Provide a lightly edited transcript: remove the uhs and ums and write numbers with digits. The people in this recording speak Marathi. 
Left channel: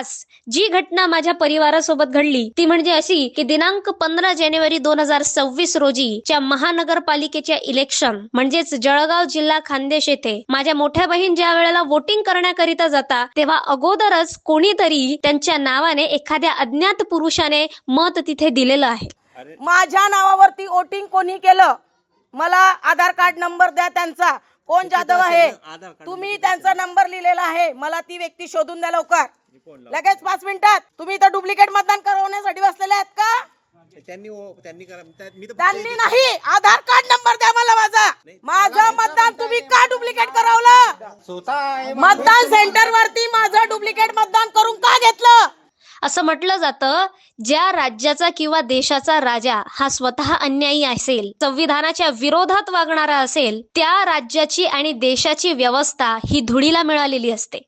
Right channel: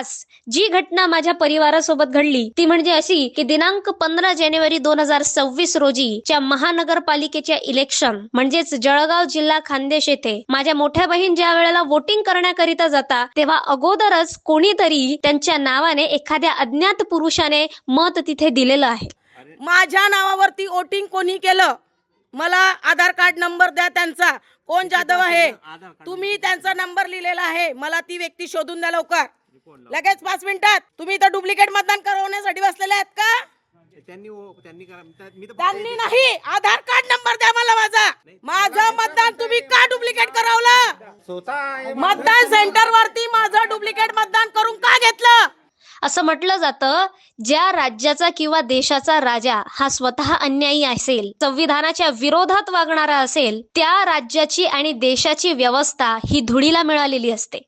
खास जी घटना माझ्या परिवारासोबत घडली ती म्हणजे अशी की दिनांक 15 जानेवारी 2026 रोजीच्या महानगरपालिकेच्या इलेक्शन म्हणजेच जळगाव जिल्हा खान्देश येथे माझ्या मोठ्या बहीण ज्या वेळेला वोटिंग करण्याकरिता जाता तेव्हा अगोदरच कोणीतरी त्यांच्या नावाने एखाद्या अज्ञात पुरुषाने मत तिथे दिलेलं आहे. माझ्या नावावरती वोटिंग कोणी केलं? मला आधार कार्ड नंबर द्या त्यांचा. कोण जाधव आहे? तुम्ही त्यांचा नंबर लिहिलेला आहे. मला ती व्यक्ती शोधून द्या लवकर. लगेच 5 मिनिटात. तुम्ही इथं डुप्लिकेट मतदान करवण्यासाठी बसलेले आहेत का? त्यांनी नाही. आधार कार्ड नंबर द्या मला माझा. माझं मतदान तुम्ही का डुप्लिकेट करवलं? मतदान सेंटर वरती माझं डुप्लिकेट मतदान करून का घेतलं? असं म्हटलं जातं, ज्या राज्याचा किंवा देशाचा राजा हा स्वतः अन्यायी असेल, संविधानाच्या विरोधात वागणारा असेल, त्या राज्याची आणि देशाची व्यवस्था ही धुळीला मिळालेली असते.